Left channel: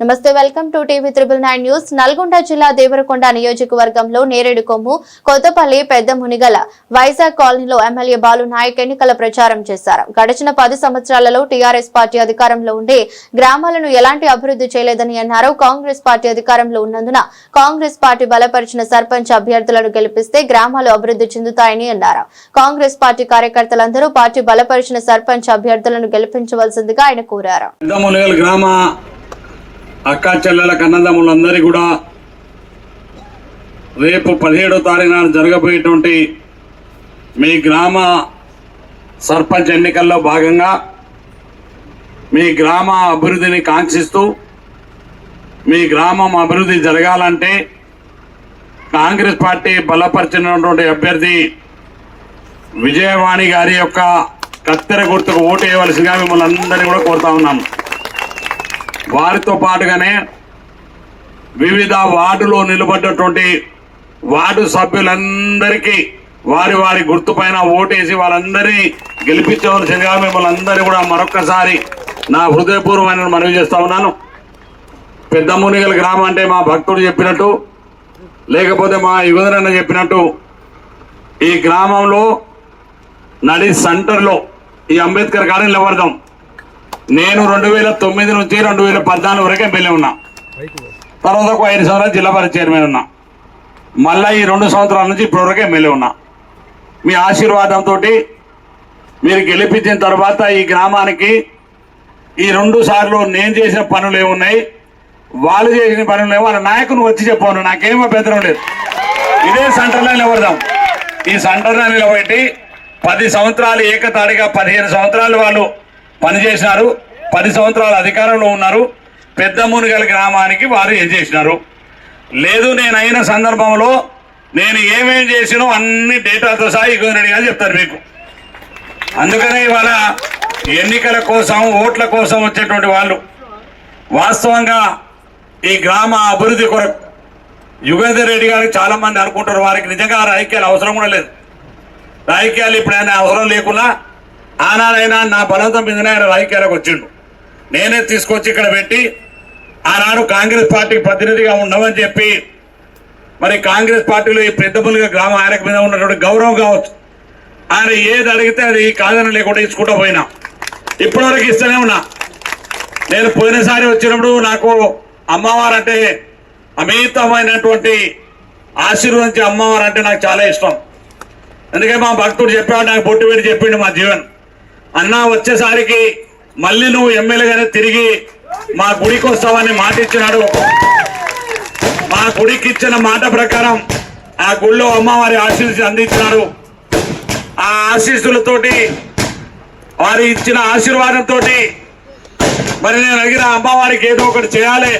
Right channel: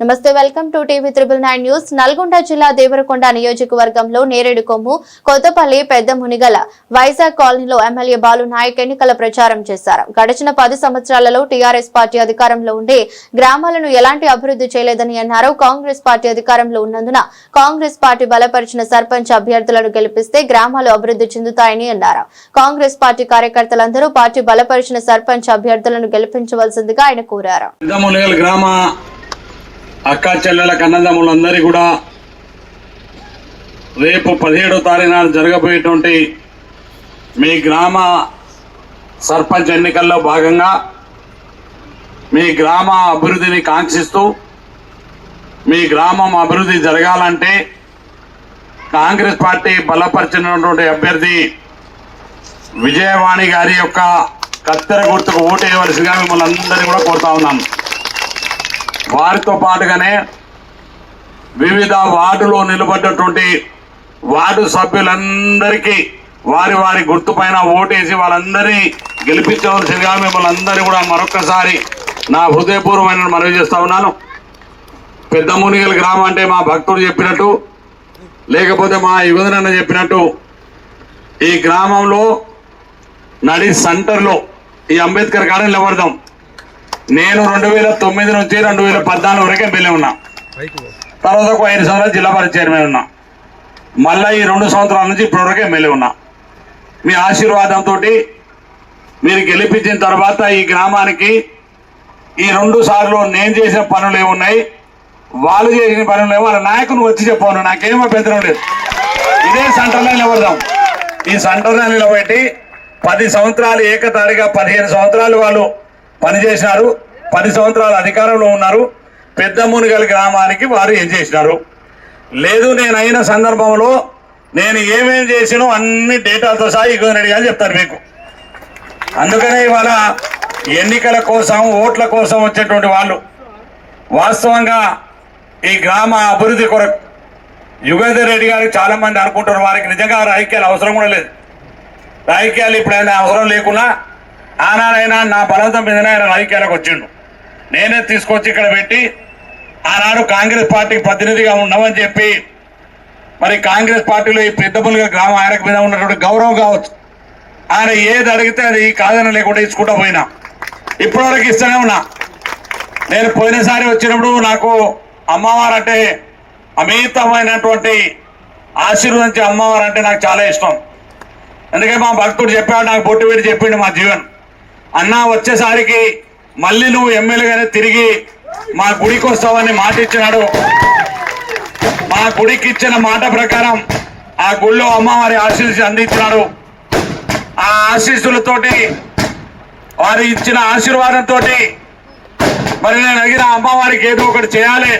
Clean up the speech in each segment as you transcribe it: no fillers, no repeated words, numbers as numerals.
నమస్తే welcome to TV 999 news. Nalgonda జిల్లా దేవరకొండ నియోజకవర్గంలో నేరేడు కొమ్ము, కొత్తపల్లి, పెద్ద మునిగల, వైజాగ్ కాలనీలో ఎమ్మెల్యే బాలు నాయక్ ఎన్నికల ప్రచారం చేశారు. గడిచిన 10 సంవత్సరాలలో టీఆర్ఎస్ పార్టీ అధికారంలో ఉండి గ్రామాలను ఎలాంటి అభివృద్ధి చేయలేదని అన్నారు. కాంగ్రెస్ పార్టీ అధికారంలో ఉన్నందున కాంగ్రెస్ పార్టీ బలపరిచిన సర్పంచ్ అభ్యర్థులను గెలిపిస్తే గ్రామాలు అభివృద్ధి చెందుతాయని అన్నారు. కాంగ్రెస్ పార్టీ కార్యకర్తలందరూ పార్టీ బలపరిచిన సర్పంచ్ అభ్యర్థులను గెలిపించవలసిందిగా ఆయన కోరారు. అక్క చెల్లెల కన్నదమ్ములందరి కూడా రేపు 17వ తారీఖు నాడు జరగబోయేటువంటి మీ గ్రామ సర్పంచ్ ఎన్నికల్లో భాగంగా మీ గ్రామ అభివృద్ధిని కాంక్షిస్తూ మీ గ్రామం అభివృద్ధి జరగాలంటే కాంగ్రెస్ పార్టీ బలపరిచినటువంటి అభ్యర్థి విజయవాణి గారి యొక్క కత్తెర గుర్తుకు ఓటు వేయవలసిందిగా మిమ్మల్ని అందరినీ కూడా కోరుతా ఉన్నాను. వారితో పాటుగానే వివిధ వార్డులో నిలబడ్డటువంటి వార్డు సభ్యులందరికీ వారి వారి గుర్తుపైన ఓటేసి వాళ్ళందరినీ గెలిపించవలసిందిగా మిమ్మల్ని అందరినీ కూడా మరొకసారి నా హృదయపూర్వమైన మనవి చేస్తా ఉన్నాను. పెద్ద మునిగల గ్రామం అంటే మా భక్తుడు చెప్పినట్టు, లేకపోతే మా యువదనన్న చెప్పినట్టు, ఈ గ్రామంలో నడి సెంటర్లో ఈ అంబేద్కర్ గార్డెన్ నిలబడదాం. నేను 2009 నుంచి 2014 వరకు ఎమ్మెల్యే ఉన్నా. తర్వాత ఒక 5 సంవత్సరాలు జిల్లా పరిషత్ చైర్మన్ ఉన్నా. మళ్ళీ ఈ 2 సంవత్సరాల నుంచి ఇప్పటివరకు ఎమ్మెల్యే ఉన్నా. మీ ఆశీర్వాదంతో మీరు గెలిపించిన తర్వాత ఈ గ్రామానికి ఈ 2 సార్లు నేను చేసిన పనులు ఏమున్నాయి, వాళ్ళు చేసిన పనులు ఏమో వాళ్ళ నాయకుని వచ్చి చెప్పాను. నాకేం అభ్యంతరం లేదు. ఇదే సెంటర్లో నిలబడదాం. ఈ సెంటర్లో నిలబెట్టి 10 సంవత్సరాలు ఏకతాడిగా 15 సంవత్సరాలు వాళ్ళు పనిచేసినారు. 10 సంవత్సరాల అధికారంలో ఉన్నారు. పెద్ద మునిగల గ్రామానికి వారు ఏం చేసినారు లేదు. నేను అయిన సందర్భంలో నేను ఏమేం చేసినో అన్ని డేటాతో సహా ఇగోనడి అని చెప్తారు మీకు. అందుకనే ఇవాళ ఎన్నికల కోసం ఓట్ల కోసం వచ్చేటువంటి వాళ్ళు వాస్తవంగా ఈ గ్రామ అభివృద్ధి కొరకు యుగేందర్ రెడ్డి గారు చాలా మంది అనుకుంటారు. వారికి నిజంగా రాజకీయాలు అవసరం కూడా లేదు. రాజకీయాలు ఇప్పుడైనా అవసరం లేకున్నా ఆనాడైనా నా బలవంతం మీదనే ఆయన రాజకీయాలకు వచ్చిండు. నేనే తీసుకొచ్చి ఇక్కడ పెట్టి ఆనాడు కాంగ్రెస్ పార్టీకి ప్రతినిధిగా ఉండమని చెప్పి మరి కాంగ్రెస్ పార్టీలో ఈ పెద్దపల్లిగా గ్రామం ఆయనకు మీద ఉన్నటువంటి గౌరవం కావచ్చు. ఆయన ఏది అడిగితే అది కాదని లేకుండా ఇచ్చుకుంటూ పోయినా, ఇప్పటివరకు ఇస్తూనే ఉన్నా. నేను పోయినసారి వచ్చినప్పుడు నాకు అమ్మవారు అంటే అమితమైనటువంటి ఆశీర్వదించే అమ్మవారు అంటే నాకు చాలా ఇష్టం. అందుకే మా భక్తుడు చెప్పాడు, నాకు బొట్టు పెట్టి చెప్పిండు మా జీవన్ అన్నా వచ్చేసరికి మళ్ళీ నువ్వు ఎమ్మెల్యేగానే తిరిగి మా గుడికి వస్తావని మాట ఇచ్చినాడు. మా గుడికి ఇచ్చిన మాట ప్రకారం ఆ గుళ్ళో అమ్మవారి ఆశీస్సు అందించినారు. ఆ ఆశీస్సులతోటి వారు ఇచ్చిన ఆశీర్వాదంతో మరి నేను అడిగిన అమ్మవారికి ఏదో ఒకటి చేయాలి.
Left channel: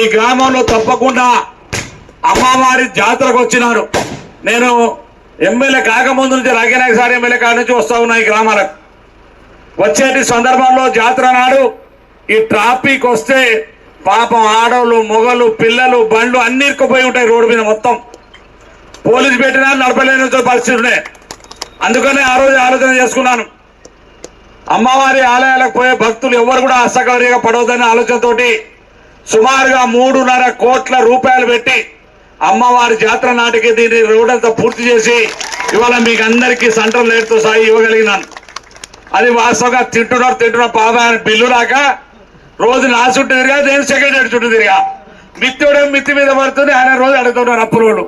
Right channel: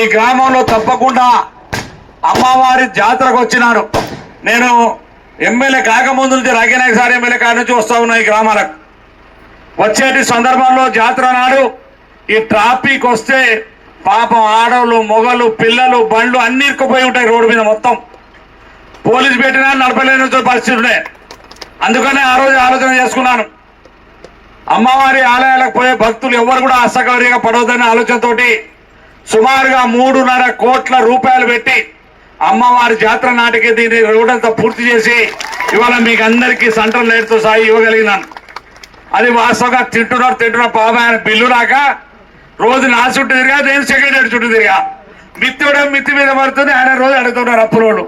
ఈ గ్రామంలో తప్పకుండా అమ్మవారి జాతరకు వచ్చినారు. నేను ఎమ్మెల్యే కాకముందు నుంచి రాజనాయక సార్ ఎమ్మెల్యే కాడ నుంచి వస్తా ఉన్నా. ఈ గ్రామాలకు వచ్చేటి సందర్భంలో జాతర నాడు ఈ ట్రాఫిక్ వస్తే పాపం ఆడవాళ్ళు, మొగలు, పిల్లలు, బండ్లు అన్ని ఇరుక్కుపోయి ఉంటాయి రోడ్డు మీద. మొత్తం పోలీసు పెట్టినా నడపలేని పరిస్థితి ఉన్నాయి. అందుకనే ఆ రోజు ఆలోచన చేసుకున్నాను, అమ్మవారి ఆలయాలకు పోయే భక్తులు ఎవరు కూడా అసౌకర్యంగా పడవద్దనే ఆలోచనతోటి సుమారుగా 3.5 కోట్ల రూపాయలు పెట్టి అమ్మవారి జాతర నాటికి దీన్ని రోడ్ అంతా పూర్తి చేసి ఇవాళ మీకు అందరికీ సెంట్రల్ లైట్తో సాయి ఇవ్వగలిగినాను. అది వాస్తవంగా తింటున్నారు పాప బిల్లు రాక రోజు నా చుట్టూ తిరిగా, నేను సెక్రటరీ చుట్టూ తిరిగా. మిత్తి మీద పడుతుంది, ఆయన రోజు అడుగుతున్నారు అప్పులోడు.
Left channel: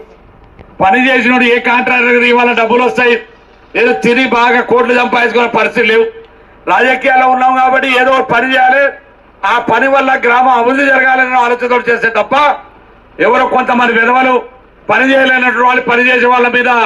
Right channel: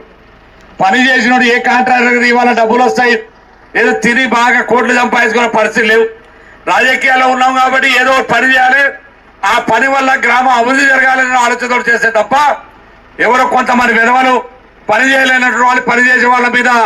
పని చేసినోడు ఏ కాంట్రాక్టర్ ఇవాళ డబ్బులు వస్తాయి, ఏదో తిరిగి బాగా కోట్లు సంపాదించుకునే పరిస్థితి లేవు. రాజకీయాల్లో ఉన్నాం కాబట్టి ఏదో పని చేయాలి, ఆ పని వల్ల గ్రామం అభివృద్ధి జరగాలన్న ఆలోచనతో చేస్తే తప్ప ఎవరో కొంతమంది విధవలు పని చేయలేనటువంటి వాళ్ళు పని చేసే వాళ్ళ మీద